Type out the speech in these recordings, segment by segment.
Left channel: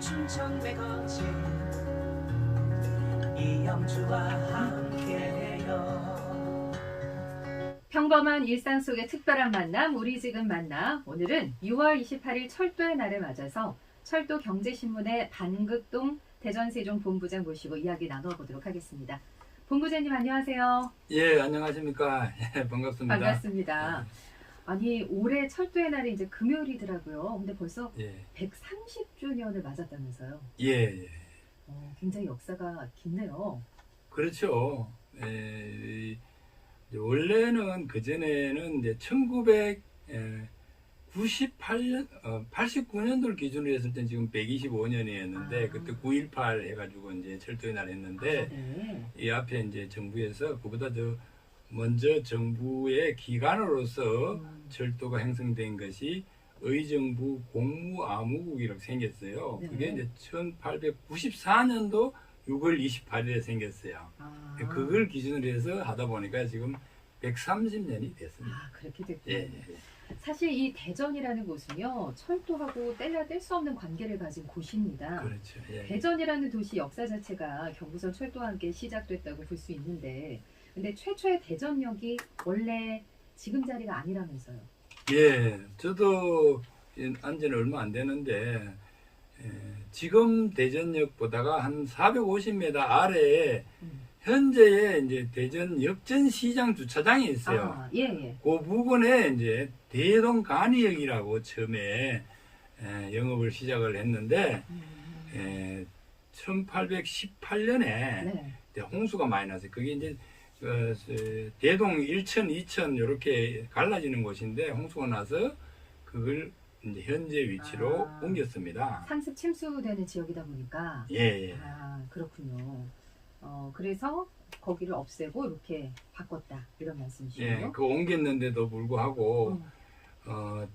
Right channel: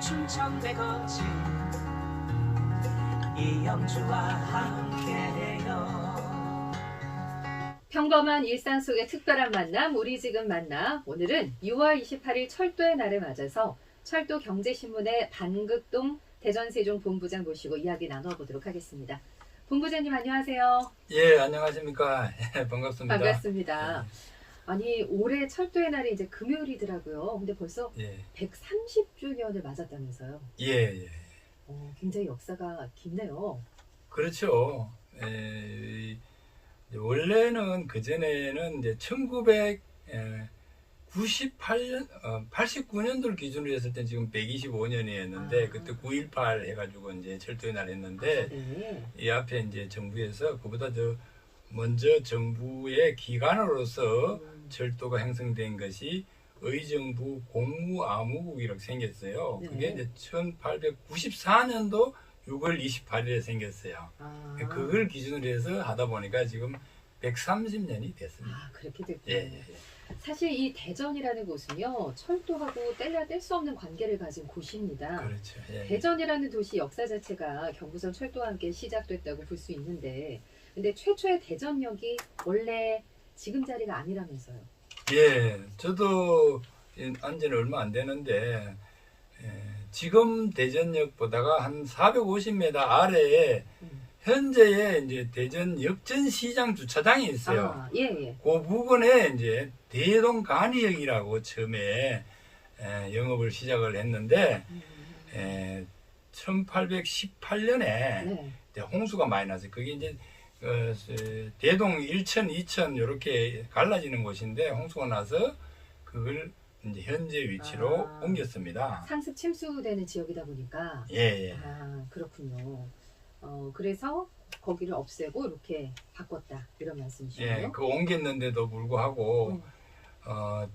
충청배 거지 이영주와 함께해요. 평범한 일상 속의 특별한 만남, 우리 지금 만나. 오늘은 6월 28일 철도의 날을 맞아서 철도 경제신문의 반극동 대전세종 본부장 모시고 이야기 나눠보도록 하겠습니다. 본부장님 안녕하세요. 예, 안녕하십니까. 반갑습니다. 반갑습니다. 아니 올해 철도의 날이 이제 금요일이더라고요. 근데 벌써 예, 130주년을 맞았다면서요. 예. 굉장히 역사가 깊네요. 그렇죠. 원래는 그전에는 이제 1998년, 89년도를 기준으로 했을 때 지금 125년이었는데, 그때 9.18 해가지고 이제 철도의 날 했는데, 네. 이 앞에 이제 정부에서 그보다 더 먼저 정부의 기관으로서 철도가 형성된 것이 의정부 공무암무국 이렇게 생겼어요. 네. 그게 이제 1894년도 6월 28일에 생겼어요. 그걸 기준으로 해서 하다 보니까 지금 130년이 됐습니다. 그렇게 됐군요. 예. 사실 이 대전이라는 곳은요, 철도하고 뗄래야 뗄 수 없는 관계를 가진 곳입니다. 그렇죠. 예. 대전이라는 도시 역사 자체가 경부선 철도와 함께 시작됐다고 볼 수 있는데, 근데 최초의 대전역이 원래 지금 자리가 아니라면서요. 예, 저도 안지는 얼마 안 되는데, 지금 대전역보다가 한 450m 아래에 현재의 이제 대전 역전시장 주차장이 있어요. 예. 그 부근에 이제 대동간이역이라고 처음에 영업을 시작을 했는데, 1818년에 네. 홍수가 많이 났어요. 그게 이제 대동 1천, 2천 이렇게 갈라지는 곳인데 홍수가 나서 그걸 이제 현재 위치로 옮겼습니다. 상습 침수되는 지역이다 보니까. 예. 그렇군요. 그래서 거기를 없애고 이렇게 바꿨다 이런 말씀이시죠? 예, 그 옮겼는데도 불구하고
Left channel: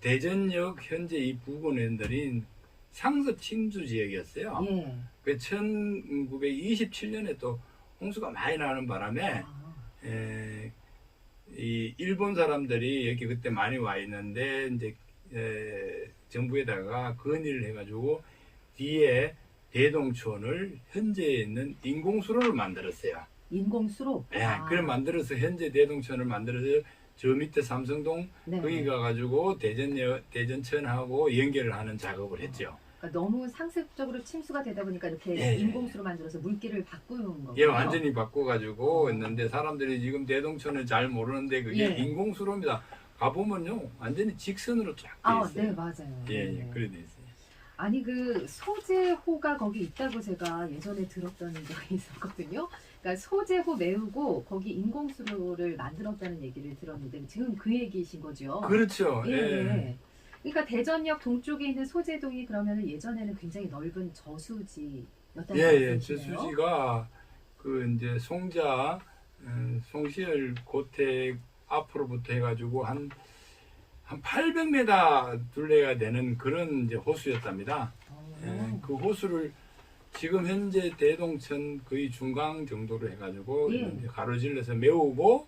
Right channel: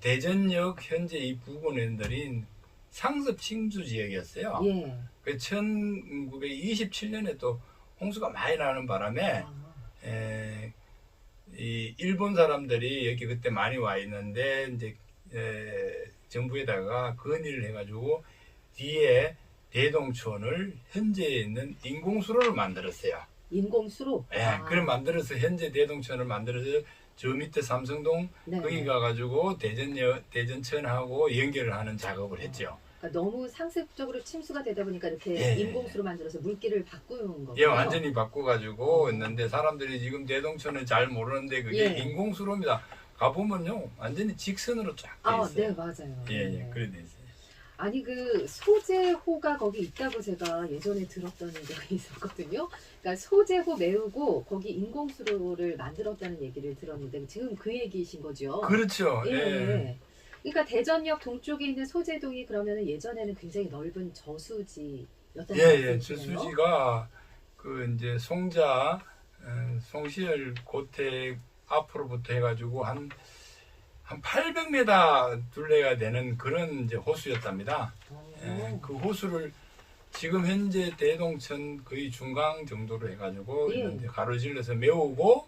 대전역 현재 이 부근들이 상습 침수 지역이었어요. 예. 그 1927년에 또 홍수가 많이 나는 바람에 이 일본 사람들이 여기 그때 많이 와 있는데 이제 정부에다가 건의를 해가지고 뒤에 대동촌을 현재 있는 인공수로를 만들었어요. 인공수로? 그걸 만들어서 현재 대동촌을 만들어서 저 밑에 삼성동 거기 가가지고 대전천하고 연결을 하는 작업을 했죠. 그러니까 너무 상습적으로 침수가 되다 보니까 이렇게 인공수로 만들어서 물길을 바꾸는 거예요. 예, 완전히 바꿔가지고 있는데 사람들이 지금 대동천은 잘 모르는데 그게 인공수로입니다. 가보면요 완전히 직선으로 쫙 돼 있어요. 네, 맞아요. 예, 그래 돼 있어요. 아니 그 소재호가 거기 있다고 제가 예전에 들었던 적이 있었거든요. 그러니까 소재호 메우고 거기 인공수로를 만들었다는 얘기를 들었는데 지금 그 얘기이신 거죠? 그렇죠. 예. 그러니까 대전역 동쪽에 있는 소재동이 그러면 예전에는 굉장히 넓은 저수지였다는 말씀이시네요. 저수지가 그 이제 송자, 송시열 고택 앞으로부터 해가지고 한 800m 둘레가 되는 그런 이제 호수였답니다. 그 호수를 지금 현재 대동천 거의 중강 정도로 해가지고 이제 가로질러서 메우고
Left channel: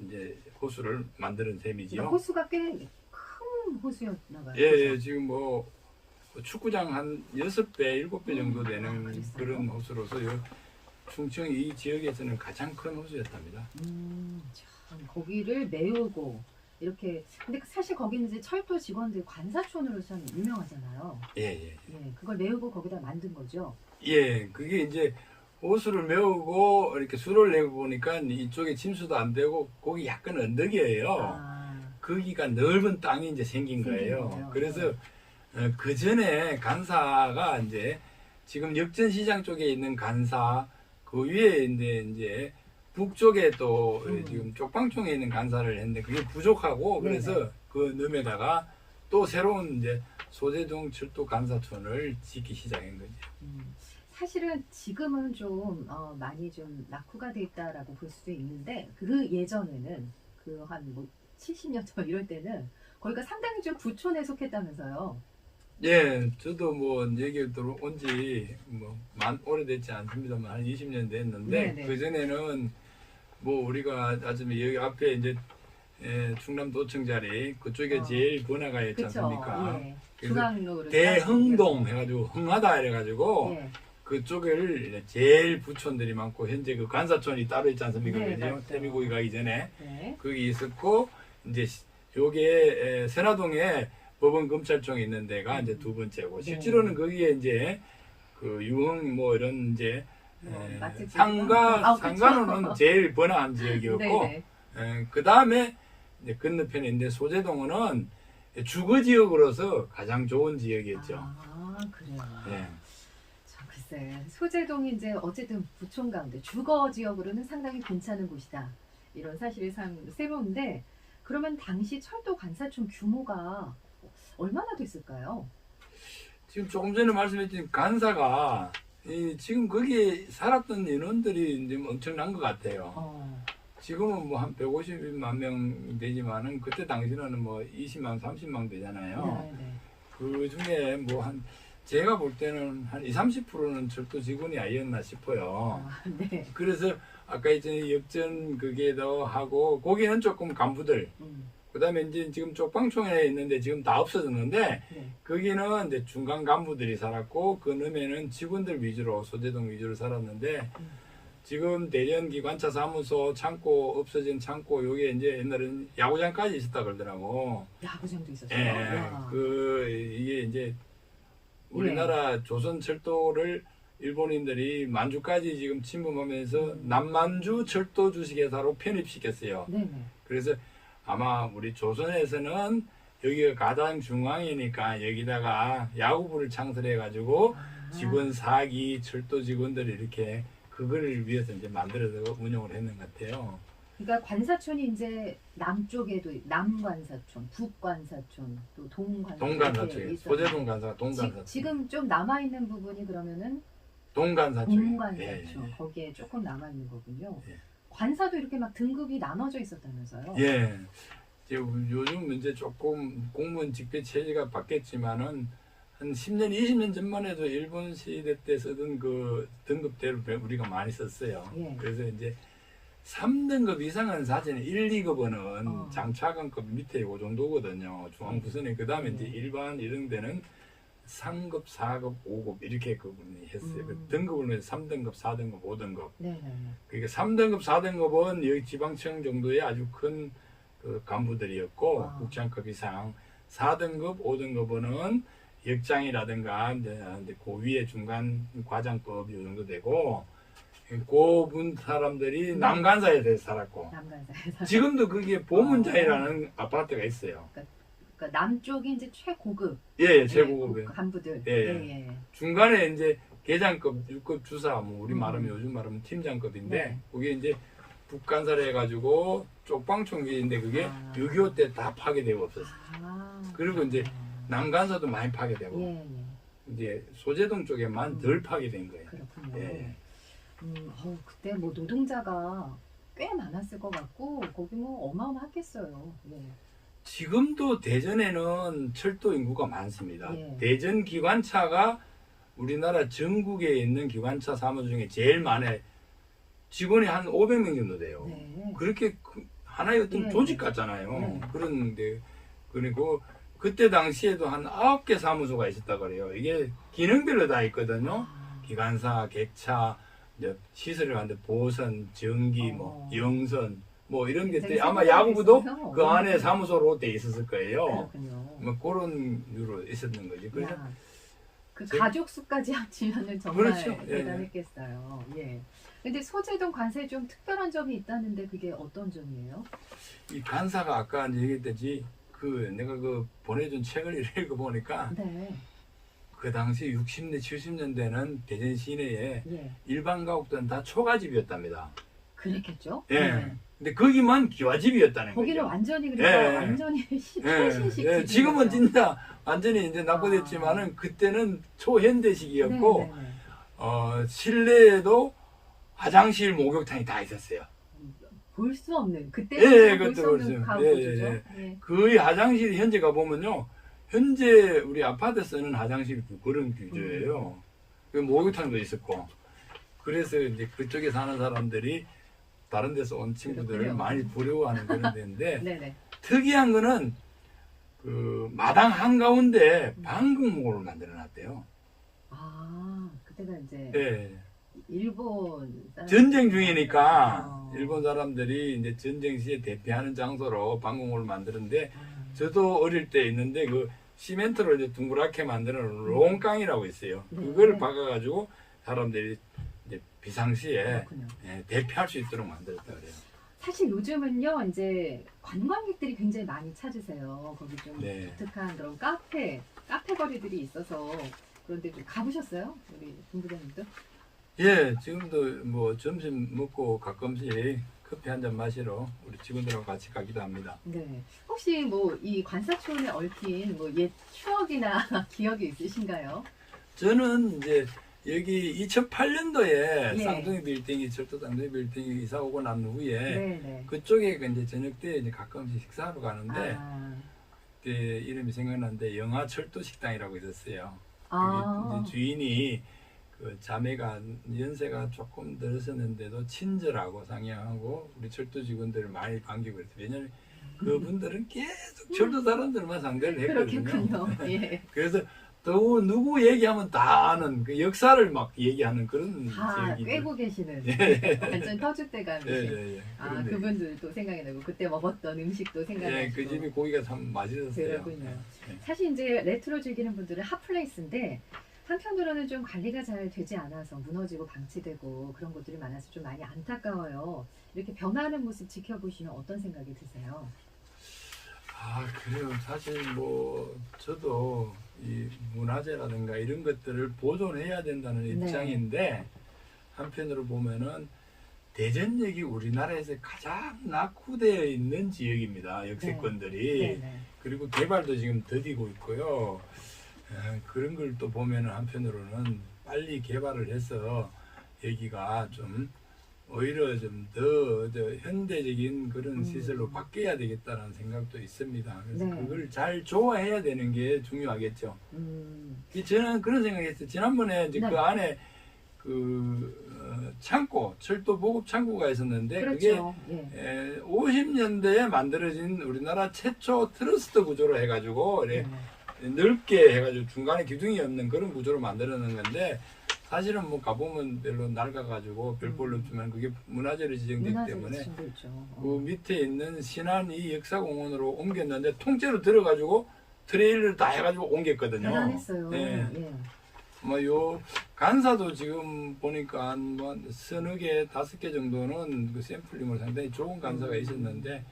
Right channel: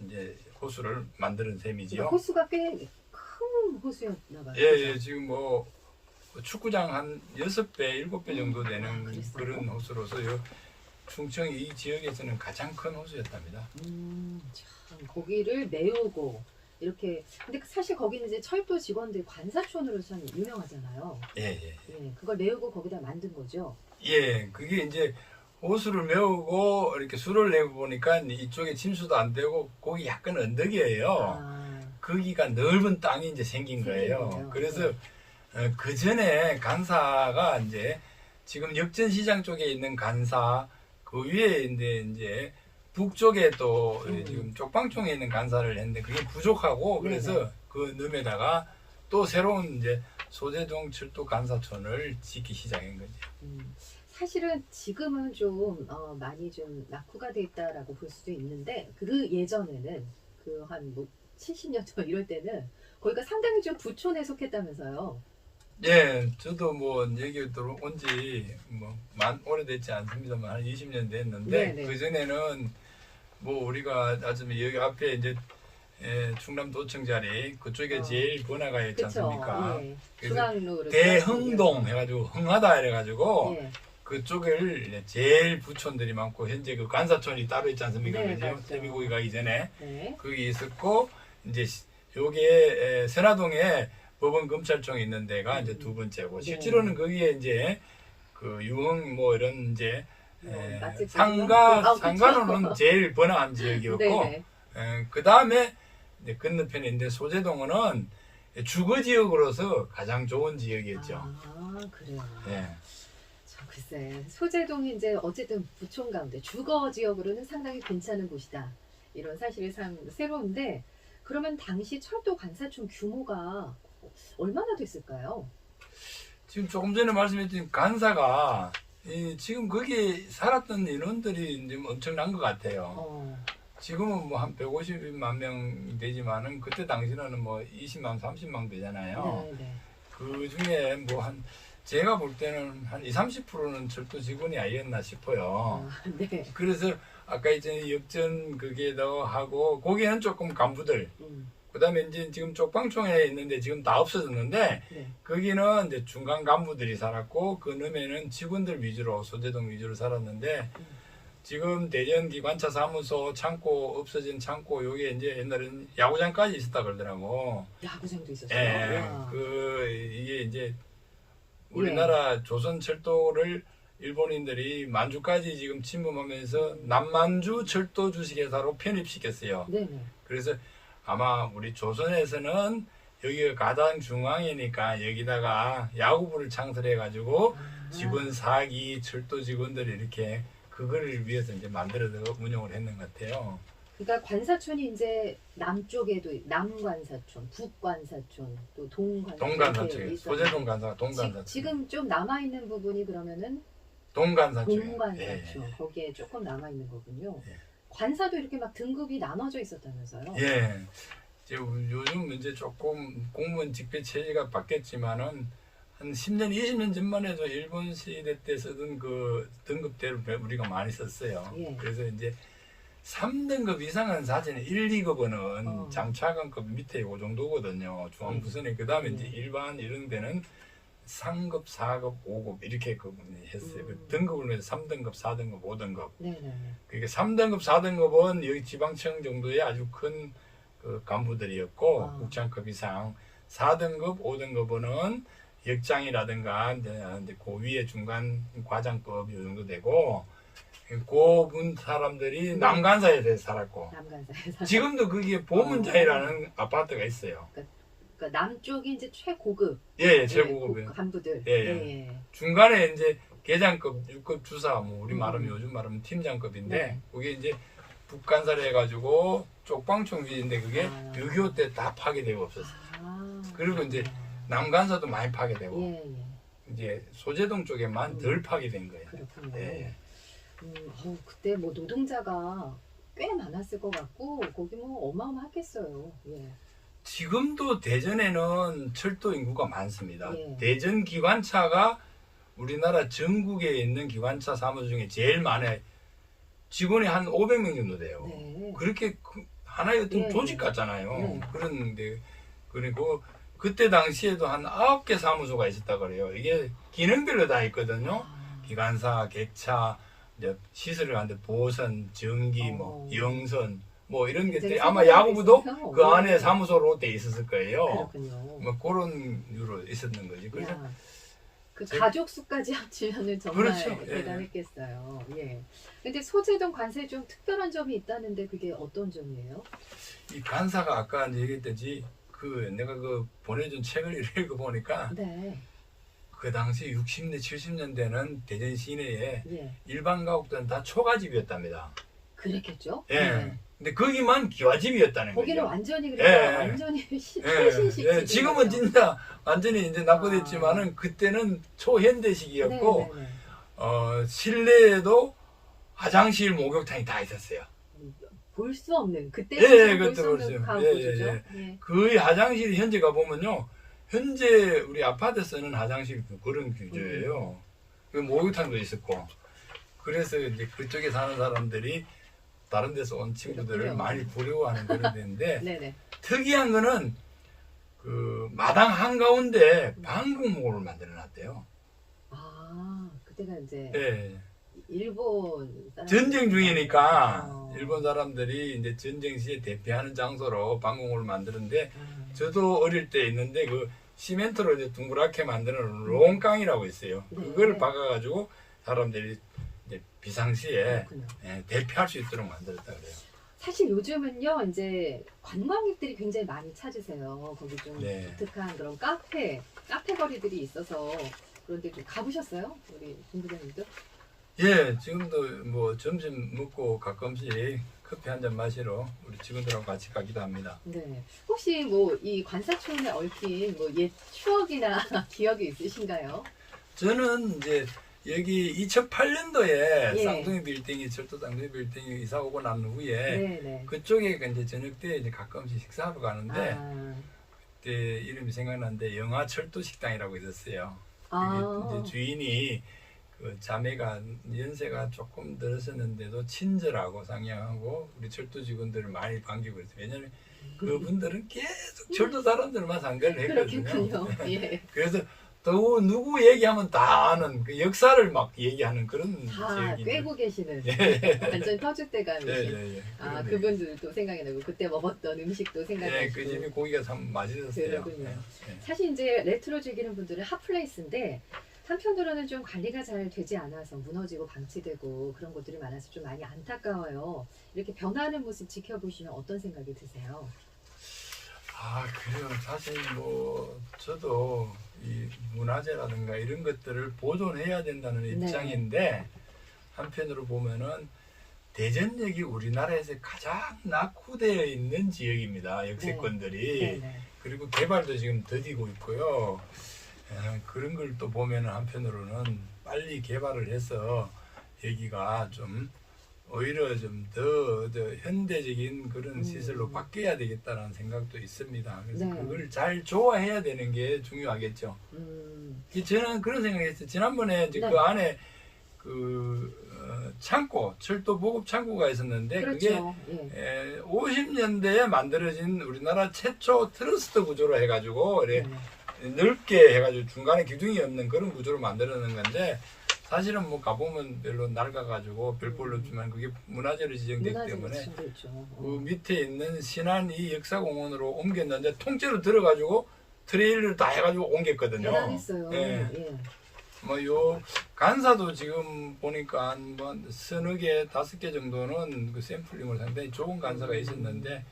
이제 호수를 만드는 셈이지요. 그러니까 호수가 꽤 큰 호수였나 봐요. 예, 지금 뭐 축구장 한 6배, 7배 정도 되는 그런 호수로서 충청 이 지역에서는 가장 큰 호수였답니다. 참, 거기를 메우고 이렇게. 근데 사실 거기는 이제 철도 직원들 관사촌으로 참 유명하잖아요. 예. 그걸 메우고 거기다 만든 거죠. 예, 그게 이제 호수를 메우고 이렇게 수로를 내고 보니까 이쪽에 침수도 안 되고 거기 약간 언덕이에요. 거기가 넓은 땅이 이제 생긴 거예요. 그래서 그 전에 간사가 이제 지금 역전시장 쪽에 있는 간사 그 위에 이제 북쪽에 또 지금 쪽방촌에 있는 간사를 했는데 그게 부족하고 그래서 그 넘에다가 또 새로운 이제 소재동 철도 간사촌을 짓기 시작한 거죠. 사실은 지금은 좀 많이 좀 낙후가 돼 있다라고 볼 수도 있는데 그 예전에는 그 한 뭐 70년 전 이럴 때는 거기가 상당히 좀 부촌에 속했다면서요. 예, 저도 뭐 여기 들어온 지 뭐 오래됐지 않습니다만 한 20년 됐는데 그 전에는 뭐 우리가 아주 여기 앞에 이제 충남도청 자리 그쪽에 제일 번화가 있지 그쵸. 않습니까? 예. 그래서 중앙로를 대흥동 해가지고 흥하다 이래가지고 예. 그쪽을 이제 제일 부촌들이 많고 현재 그 간사촌이 따로 있지 않습니까? 네, 그죠? 맞죠. 세미고기 가기 전에 네. 거기 있었고 이제 요게 선화동에 법원검찰청이 있는 데가 이제 두 번째고 네. 실제로는 거기에 이제 그 유흥 뭐 이런 이제 맛집들이 상가로는 그쵸. 제일 번화한 지역이었고 네네. 그 다음에 건너편에 있는데 소재동은 주거 지역으로서 가장 좋은 지역이었죠. 아, 그래요. 예. 참 글쎄, 소재동이 이제 어쨌든 부촌 가운데 주거 지역으로는 상당히 괜찮은 곳이다. 이런 사실이 참 새로운데, 그러면 당시 철도 관사촌 규모가 얼마나 됐을까요? 지금 조금 전에 말씀했던 간사가 지금 거기에 살았던 인원들이 이제 엄청난 것 같아요. 지금은 뭐 한 150만 명 되지만은 그때 당시는 뭐 20만, 30만 되잖아요. 네네. 그 중에 뭐 한 제가 볼 때는 한 20, 30%는 철도 직원이 아니었나 싶어요. 아, 네. 그래서 아까 이제 역전 그게도 하고 거기는 조금 간부들 그다음에 이제 지금 쪽방촌에 있는데 지금 다 없어졌는데 네. 거기는 이제 중간 간부들이 살았고 그 놈에는 직원들 위주로 소재동 위주로 살았는데 지금 대전기관차 사무소 창고 없어진 창고 요게 이제 옛날에는 야구장까지 있었다 그러더라고. 야구장도 있었어요. 예, 와. 이게 이제 우리나라 조선철도를 일본인들이 만주까지 지금 침범하면서 남만주 철도 주식회사로 편입시켰어요. 네네. 그래서 아마 우리 조선에서는 여기가 가장 중앙이니까 여기다가 야구부를 창설해가지고 직원 4기 철도 직원들이 이렇게 그거를 위해서 이제 만들어서 운영을 했는 것 같아요. 그러니까 관사촌이 이제 남쪽에도 남관사촌, 북관사촌, 또 동관사촌. 동간사촌, 소재동 간사, 동간사촌. 지금 좀 남아 있는 부분이 그러면은 동간사촌. 동관사촌. 예. 거기에 조금 남아 있는 거군요. 예. 관사도 이렇게 막 등급이 나눠져 있었다면서요? 예. 이제 요즘 이제 조금 공무원 직배 체제가 바뀌었지만은 한 10년, 20년 전만 해도 일본 시대 때 쓰던 그 등급대로 우리가 많이 썼어요. 예. 그래서 이제 3등급 이상은 사실은 1, 2급은 장차관급 밑에 요 정도거든요. 중앙부선에 그 다음에 이제 일반 이런 데는 3급, 4급, 5급 이렇게 했어요. 그 등급을 매서 3등급, 4등급, 5등급. 네네. 그러니까 3등급, 4등급은 여기 지방청 정도의 아주 큰 그 간부들이었고 국장급 이상 4등급, 5등급은 역장이라든가 이제 그 위에 중간 과장법 이 정도 되고 고분 사람들이 남간사에 살았고 남관사에서. 지금도 거기에 보문자이라는 아파트가 있어요. 그러니까 남쪽이 이제 최고급. 예, 최고급이에요. 간부들. 예. 중간에 이제 계장급, 6급 주사, 뭐 우리 말하면 요즘 말하면 팀장급인데 네. 그게 이제 북간사를 해가지고 쪽방촌기인데 그게 6.25 때 다 파괴되고 없었어요. 그리고 이제 남간사도 많이 파괴되고 예. 이제 소재동 쪽에만 덜 파괴된 거예요. 그렇군요. 예. 그때 뭐 노동자가 꽤 많았을 것 같고 거기 뭐 어마어마했겠어요. 예. 지금도 대전에는 철도 인구가 많습니다. 예. 대전 기관차가 우리나라 전국에 있는 기관차 사무소 중에 제일 많아요. 직원이 한 500명 정도 돼요. 네. 그렇게 하나의 어떤 네. 조직 같잖아요. 네. 그런데 그리고 그때 당시에도 한 9개 사무소가 있었다 그래요. 이게 기능별로 다 있거든요. 기관사, 객차, 이제 시설을 하는데 보선, 전기, 뭐 영선, 뭐 이런 것들이 아마 야구부도 그 안에 사무소로 돼 있었을 거예요. 그렇군요. 뭐 그런 유로 있었는 거지. 그래서 야, 그 가족 수까지 합치면은 정말 그렇죠. 예. 대단했겠어요. 예. 근데 소재동 관사에 좀 특별한 점이 있다는데 그게 어떤 점이에요? 이 간사가 아까 얘기했듯이 그 내가 그 보내준 책을 읽어보니까 네. 그 당시 60년, 70년대는 대전 시내에 예. 일반 가옥들은 다 초가집이었답니다. 그랬겠죠? 예. 네. 근데 거기만 기와집이었다는 거기는 거죠. 완전히 그러니까 예. 완전히 예. 초신식 예. 지금은 진짜 완전히 이제 낙후됐지만은 아. 그때는 초현대식이었고 네네네. 실내에도 화장실, 목욕탕이 다 있었어요. 볼 수 없는 그때 예, 볼수 그때 없는 볼수 가구죠. 예. 예. 거의 화장실이 현재 가보면요. 현재 우리 아파트 쓰는 화장실 그런 구조예요. 그 목욕탕도 있었고. 그래서 이제 그쪽에 사는 사람들이 다른 데서 온 친구들을 그렇군요. 많이 부려워하는 그런 데인데 네네. 특이한 거는 그 마당 한가운데 방공목을 만들어놨대요. 아, 그때가 이제 예. 일본 사람 전쟁 중이니까 어. 일본 사람들이 이제 전쟁 시에 대피하는 장소로 방공호를 만드는데 음. 저도 어릴 때 있는데 그 시멘트로 이제 둥그랗게 만드는 롱깡이라고 있어요. 네. 그걸 박아가지고 사람들이 이제 비상시에 그렇군요. 대피할 수 있도록 만들었다 그래요. 사실 요즘은요, 이제 관광객들이 굉장히 많이 찾으세요. 거기 좀 네. 독특한 그런 카페 거리들이 있어서 그런데 좀 가보셨어요? 우리 본부장님도? 예, 지금도 뭐 점심 먹고 가끔씩 커피 한 잔 마시러 우리 직원들하고 같이 가기도 합니다. 네. 혹시 뭐 이 관사촌에 얽힌 뭐 옛 추억이나 기억이 있으신가요? 저는 이제 여기 2008년도에 예. 쌍둥이 빌딩이 철도 쌍둥이 빌딩이 이사 오고 난 후에 네네. 그쪽에 이제 저녁 때 이제 가끔씩 식사하러 가는데 아, 그때 이름이 생각나는데 영화 철도 식당이라고 있었어요. 아. 그게 이제 주인이 그 자매가 연세가 조금 들었었는데도 친절하고 상냥하고 우리 철도 직원들을 많이 반기고 그랬어요. 왜냐하면 그분들은 계속 철도 사람들만 상대를 했거든요. 그렇겠군요. 예. 그래서 또 누구 얘기하면 다 아는 그 역사를 막 얘기하는 그런 다 지역인데. 꿰고 계시는 완전 터줏대감이신. 예. 아, 그런데 그분들도 생각이 나고 그때 먹었던 음식도 생각이 예, 나고. 그 집이 고기가 참 맛있었어요. 그러군요. 예. 사실 이제 레트로 즐기는 분들은 핫플레이스인데 한편으로는 좀 관리가 잘 되지 않아서 무너지고 방치되고 그런 것들이 많아서 좀 많이 안타까워요. 이렇게 변하는 모습 지켜보시면 어떤 생각이 드세요? 아, 그래요. 사실 뭐 저도 이 문화재라든가 이런 것들을 보존해야 된다는 네. 입장인데 한편으로 보면은 대전역이 우리나라에서 가장 낙후되어 있는 지역입니다. 역세권들이. 네네. 그리고 개발도 지금 더디고 있고요. 그런 걸 또 보면은 한편으로는 빨리 개발을 해서 여기가 좀 오히려 좀 더 현대적인 그런 시설로 바뀌어야 되겠다는 생각도 있습니다. 그래서 네. 그걸 잘 조화해야 되는 게 중요하겠죠. 저는 그런 생각했어요. 지난번에 이제 네. 그 안에 창고, 철도 보급 창고가 있었는데 그렇죠. 그게 50년대에 만들어진 우리나라 최초 트러스트 구조로 해가지고 이렇게 넓게 해가지고 중간에 기둥이 없는 그런 구조로 만들어놓은 건데 사실은 뭐 가보면 별로 낡아가지고 별볼로 없지만 그게 문화재로 지정되기 때문에 그 밑에 있는 신안 이 역사공원으로 옮겼는데 통째로 들어가지고 트레일을 다 해가지고 옮겼거든요. 대단했어요. 예. 예. 뭐 요 간사도 지금 보니까 뭐 서너 개, 5개 정도는 그 샘플링을 상당히 좋은 간사가 있었는데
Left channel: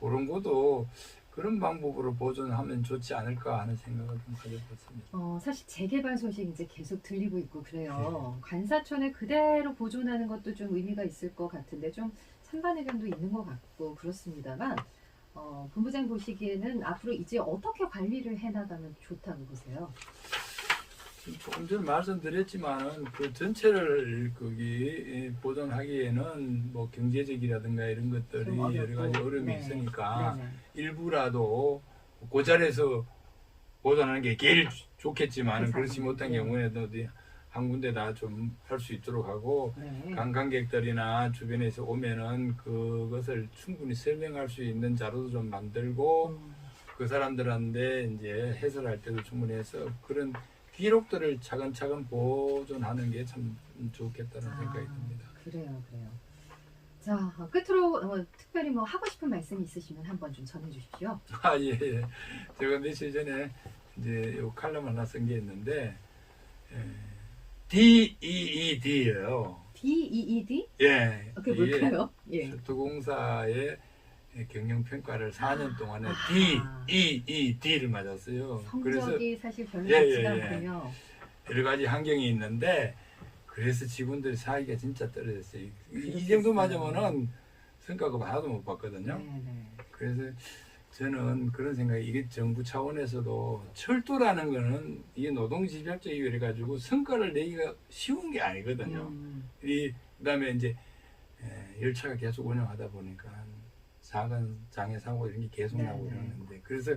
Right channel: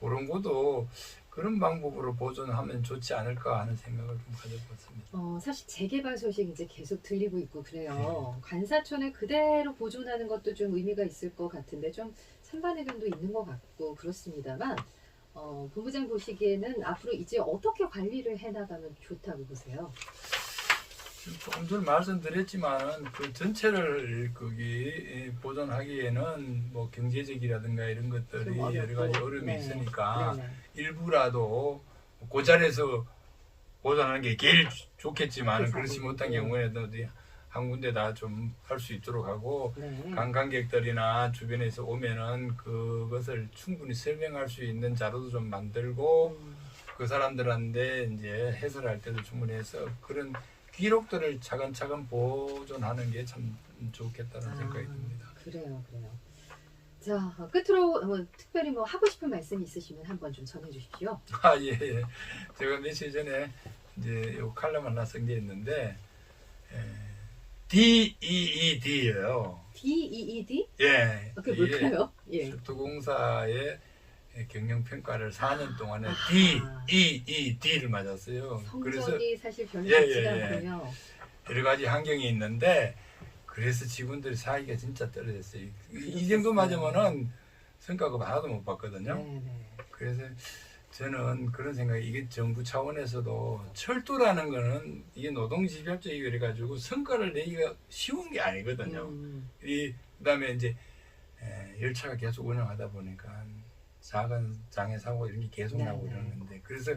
그런 것도 그런 방법으로 보존하면 좋지 않을까 하는 생각을 좀 가져봤습니다. 사실 재개발 소식 이제 계속 들리고 있고 그래요. 관사촌을 그대로 보존하는 것도 좀 의미가 있을 것 같은데 좀 찬반의 감도 있는 것 같고 그렇습니다만 본부장 보시기에는 앞으로 이제 어떻게 관리를 해나가면 좋다고 보세요? 조금 전에 말씀드렸지만 그 전체를 거기 보존하기에는 뭐 경제적이라든가 이런 것들이 여러 가지 어려움이 있으니까 일부라도 그 자리에서 보존하는 게 제일 좋겠지만 그렇지 못한 경우에도 한 군데다 좀 할 수 있도록 하고 관광객들이나 주변에서 오면은 그것을 충분히 설명할 수 있는 자료도 좀 만들고 그 사람들한테 이제 해설할 때도 충분히 해서 그런 기록들을 차근차근 보존하는 게 참 좋겠다는 생각이 듭니다. 그래요. 자, 끝으로 특별히 뭐 하고 싶은 말씀이 있으시면 한번 좀 전해 주십시오. 예. 제가 며칠 전에 이제 요 칼럼 하나 쓴 게 있는데 DEED예요. DEED? 예. 그게 뭘까요? 예. 철도공사의 경영평가를 4년 동안에 아하. DEED를 맞았어요. 성적이 사실 별로 예, 좋지가 예. 않군요. 여러 가지 환경이 있는데 그래서 직원들 사이가 진짜 떨어졌어요. 이 정도 맞으면은 성과급 하나도 못 받거든요. 네네. 그래서 저는 그런 생각이 이게 정부 차원에서도 철도라는 거는 이게 노동집약적이고 이래가지고 성과를 내기가 쉬운 게 아니거든요. 그다음에 이제 열차가 계속 운영하다 보니까 작은 장애 사고 이런 게 계속 나고 이러는데 그래서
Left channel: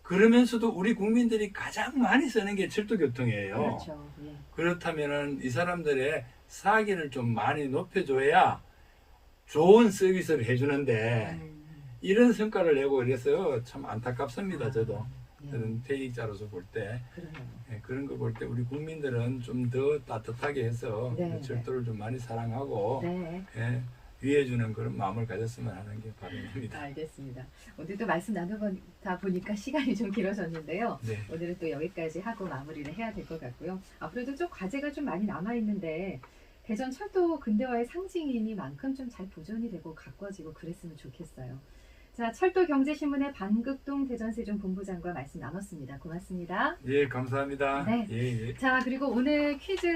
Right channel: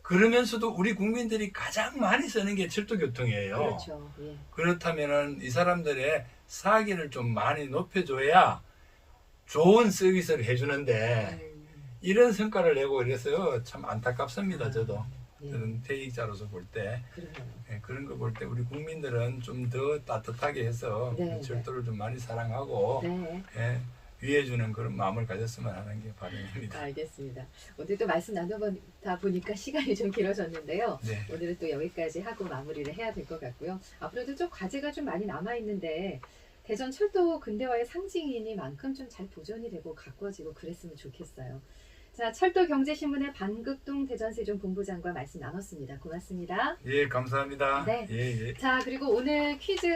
그러면서도 우리 국민들이 가장 많이 쓰는 게 철도교통이에요. 그렇죠. 예. 그렇다면은 이 사람들의 사기를 좀 많이 높여줘야 좋은 서비스를 해주는데 이런 성과를 내고 이래서 참 안타깝습니다. 저도 네. 저는 퇴직자로서 볼 때 그러네요. 그런 거 볼 때 우리 국민들은 좀 더 따뜻하게 해서 네, 철도를 좀 많이 사랑하고 네. 위해주는 그런 마음을 가졌으면 하는 게 바람입니다. 알겠습니다. 오늘도 말씀 나눠보다 보니까 시간이 좀 길어졌는데요. 네. 오늘은 또 여기까지 하고 마무리를 해야 될 것 같고요. 앞으로도 좀 과제가 좀 많이 남아있는데 대전 철도 근대화의 상징이니만큼 좀 잘 보존이 되고 가꿔지고 그랬으면 좋겠어요. 자, 철도경제신문의 반극동 대전세종본부장과 말씀 나눴습니다. 고맙습니다. 예, 감사합니다. 네. 예, 예. 자, 그리고 오늘 퀴즈